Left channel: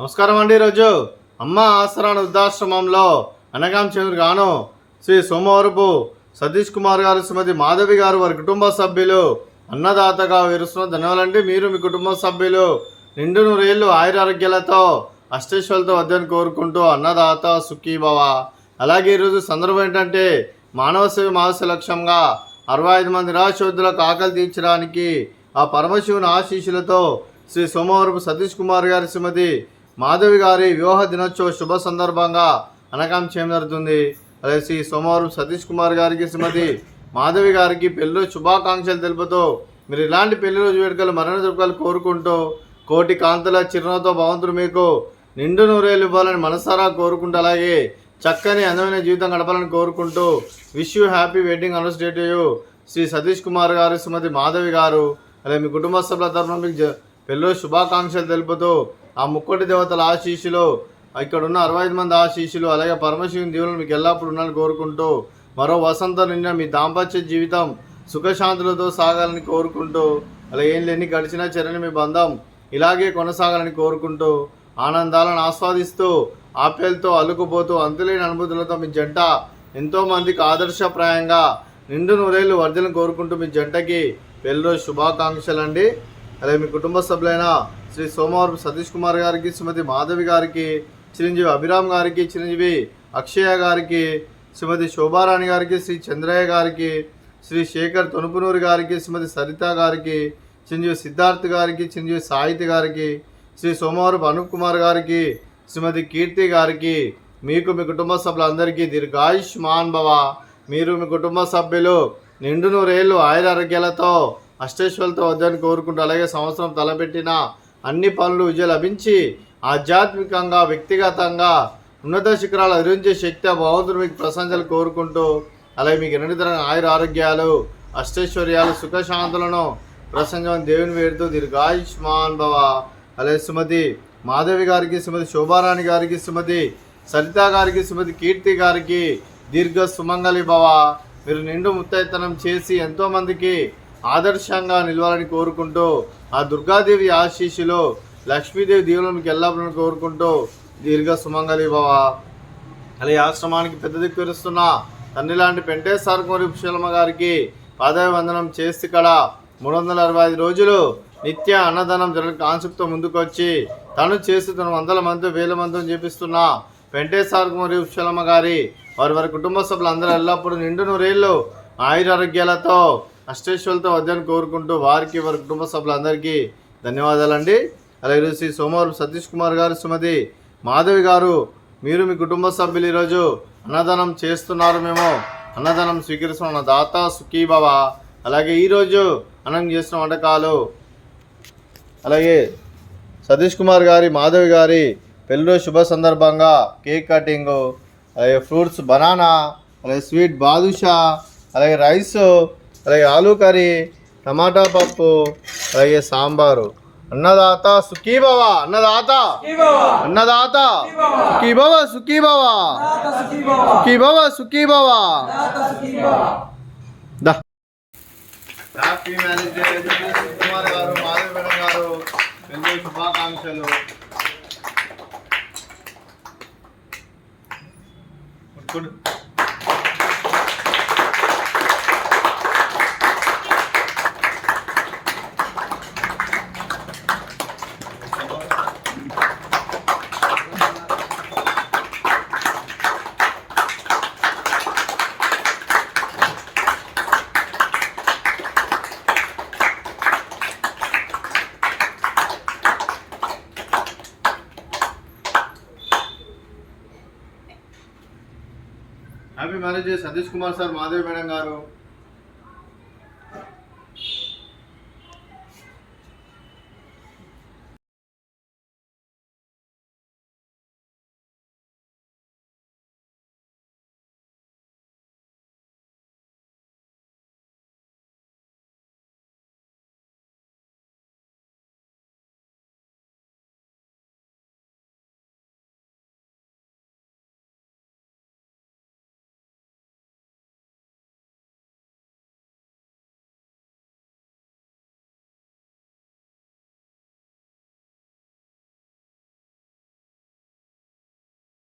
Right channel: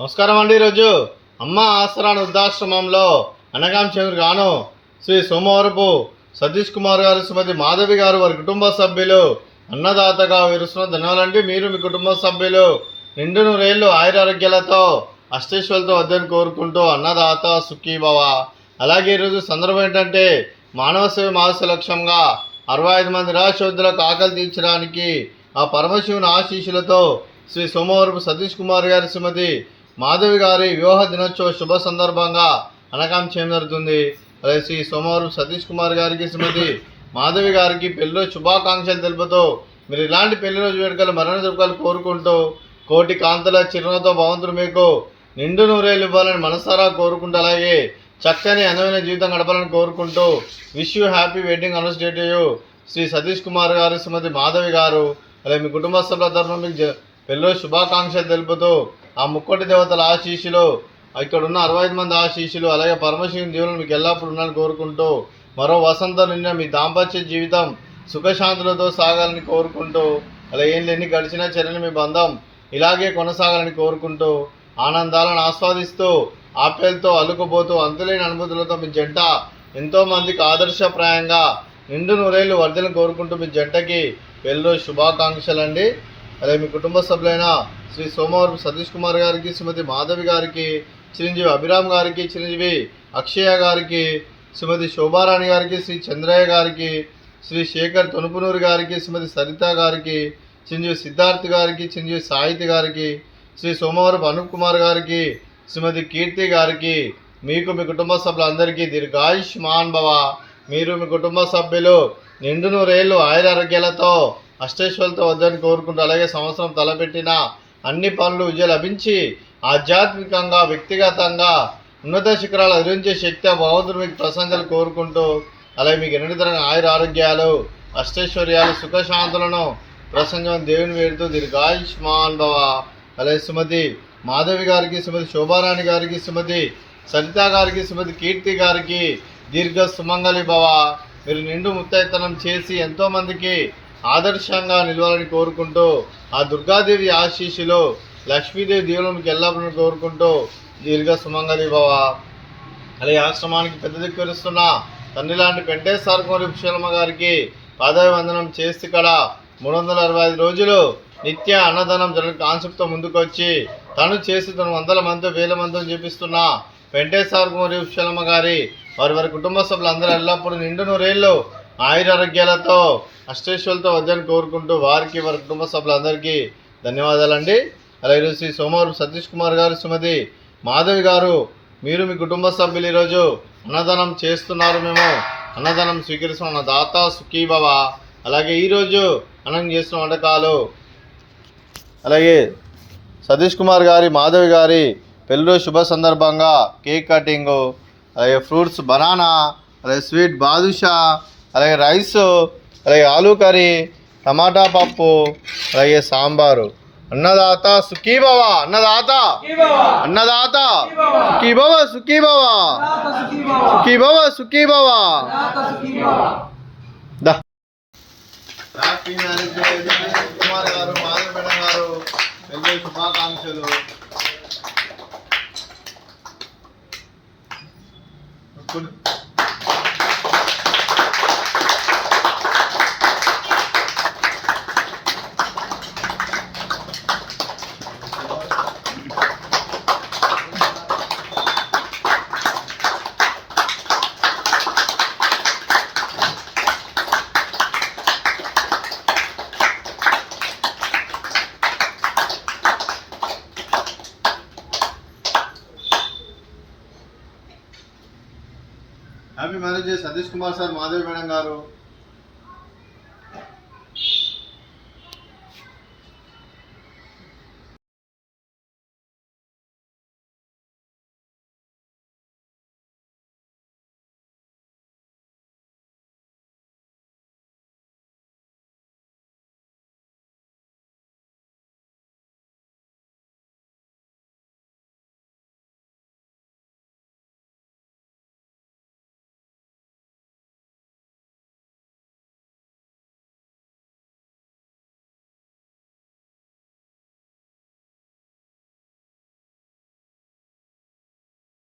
నమస్కారం అండి. ఈరోజు అమ్మ ఆసరాన వృద్ధాశ్రమంలో అనగాం చంద్ర గాను శ్రీ సోమవరపు సతీష్ కుమార్ గారు, శ్రీమతి మాధవి గారు, వారి కుటుంబ సభ్యులు అన్నదాతగా విరుస్తున్న ధన్యవాదాలండి. మీరు మీ కుటుంబ సభ్యులు నిండు నూరేళ్లు ఆయురారోగ్యాలతో అష్టేశ్వరులతో వద్దని కోరుకుంటూ అన్నదాత సుఖీభవ. అలాగే ఈరోజు సందర్భం ఏంటంటే మానవ సేవ మానవ లక్ష్యంగా 65 మంది నిరాశోద్ధులకు ఆకలి తీర్చడానికి ఆ పరమశివుని ఆశీస్సులతో శ్రీ సోమవరపు సతీష్ కుమార్ గారి, శ్రీమతి మాధవి గారి వివాహ దినోత్సవ శుభ సందర్భంగా అనగాం చేయడం జరుగుతుంది. అదే శ్రీ సోమవరపు సతీష్ కుమార్ గారికి, శ్రీమతి మాధవి గారికి పెళ్లి శుభాకాంక్షలు తెలుపుతూ మీరు ఇలాంటి పెళ్లి రోజు వేడుకలు మరణ జరుపుకలు కోరుకుంటూ కోటి కాంతుల చిరునవ్వుతో భగవంతుడు మీకు నిండు నూరేళ్ళు ఇవ్వాలని మనసారా కోరుకుంటూ, అలాగే చక్కని అందమైన జీవితం గడపాలని కోరుకుంటూ wish you happy wedding anniversary to you Shri Satish Kumar గారు, శ్రీమతి మాధవి గారు. అలాగే మీ కుటుంబ సభ్యుల తరఫున మీకు పెళ్ళి శుభాకాంక్షలు తెలుపుతూ ఆ ముక్కోటి దేవతల ఆశీస్సులు, ఇక్కడ ఉన్న 65 మంది ఆశీస్సులు, అలాగే పరమశివుని దీవులను మీకు ఎల్లప్పుడూ ఉండాలని కోరుకుంటూ మరో వసంతం నిన్న మీ దాంపత్య జీవితం సుఖశాంతులతో సాగాలని కోరుకుంటూ, అలా ఎన్ని గడిచినా చెరని మీ బంధం ఇలాగే కొనసాగాలని కోరుకుంటూ ఆనందాలను ఆస్వాదిస్తూ ఆప్యాయలతో అల్లుకుపోతూ అంతులేని అనుభూతులతో మీ జంట ఎంతోమందికి ఆదర్శప్రాయంగా నిండు నూరేళ్ళు వర్ధలను కోరుకుంటూ మీ జంటకి పెళ్ళి శుభాకాంక్షలు అండి. అలాగే మీ కుటుంబ సభ్యులైన శ్రీ సోమవరపు సతీష్ కుమార్ గారికి, శ్రీమతి మాధవి గారికి, చిరంజీవి అభిరామ్ గారికి, చిరంజీవి అక్షయ గారికి, శ్రీమతి శోభారాణి గారికి, శ్రీ చంద్రయ్య గారికి, శ్రీ శేఖర్ తొనుపునూరు గారికి, శ్రీమతి సరిత గారికి, చిరంజీవి సిద్ధార్థ్ గారికి, చిరంజీవి సాహితి గారికి, శ్రీ సోమవరపు అనూప్ కుమార్ గారికి, శ్రీమతి కీర్తి గారికి, మీకు మీ కుటుంబ సభ్యులందరికీ దీర్ఘాయుష్మాన్ భవ. మీరు మీ కుటుంబ సభ్యులు నిండు నూరేళ్ళు ఆయురారోగ్యాలతో అష్టేశ్వరులతో వద్దని కోరుకుంటూ, అలాగే సంవత్సరం తలపెట్టిన అన్ని పనులు విజయం లభించి ఆధ్యాత్మికంగా వ్యక్తిగతంగా ఉన్నత శిఖరాలు అధిరించే శక్తి ఆ భగవంతుడు మీకు ప్రశంసలు కోరుకుంటూ, అలాగే మీకు నిరంతరంగా ఆయుర ఆరోగ్యాలు అష్టైశ్వర్యాలు సుఖశాంతులను ప్రసంగం దేవుని వేడుతూ దీర్ఘాయుష్మాన్ భవ. అలాగే శ్రీమతి మాధవి గారికి, శ్రీమతి శోభారాణి గారికి, శ్రీమతి సరిత గారికి, శ్రీమతి కీర్తి గారికి దీర్ఘ సుమంగళి భవ. మీరు నిండు ముత్తైతనం చేసి ఎంతోమందికి ఆదర్శంగా నిలవాలని కోరుకుంటూ ఆ దుర్గాదేవి ఆశీస్సులు లక్ష్మీదేవి దీవులను మీకు ఎల్లప్పుడూ కోరుకుంటూ దీర్ఘ సుమంగళి భవ. అలాగే ఆశ్రమానికి పెద్ద దిక్కురుస్తున్న తండ్రి లాంటి పెంటేశ్వర కుమారి ఉపశలమ్మ గారికి పాదాభివందనం చేసి ఇక్కడ 365 రోజులు నిత్య అన్నదానం జరిగిన కాన్సెప్ట్తో ముందుకు వచ్చి తను చేసి తను 100 మంది 1000 మందిని చేపిస్తున్న పెంటేశ్వర కుమారి ఉపశలమ్మ గారి వారి కుటుంబ సభ్యులందరూ ఎల్లప్పుడూ నిండు నూరేళ్ళు ఆయురారోగ్యాలతో అష్టేశ్వరులతో వద్దని కోరుకుంటూ వారికి వారి కుటుంబ సభ్యులందరికీ ధన్యవాదాలండి. అలాగే శ్రీ సోమవరపు సతీష్ కుమార్ గారు, శ్రీమతి మాధవి గారు, మీరు మీ కుటుంబ సభ్యులు ఈరోజు అన్నదానం చేస్తున్నారు. మేము అన్నదానం స్వీకరిస్తున్న దాత సుఖీభవ. అలాగే ఈరోజు అన్నం చేసిన వంటకాలు, అలాగే సతీష్ కుమార్ గారి, మాధవి గారి పెళ్ళి శుభ సందర్భంగా కేక్ కటింగు, అలాగే ఫ్రూట్స్ బనానా, అలాగే స్వీట్ బాదుషా, అలాగే రైస్, అలాగే ఆలూ కర్రీ, టమాటా పప్పు, అలాగే సాంబారు. అన్నదాత సుఖీభవ, అన్నదాత అన్నదాత సుఖీభవ, సుఖీభవ సుఖీభవ, సుఖీభవ. హ్యాపీ మ్యారేజ్ డే కుమార్ గారు, మాధవి మేడం గారు, పెళ్లి శుభాకాంక్షలు. Happy marriage day Satish Kumar sir, Madhavi madam గారు.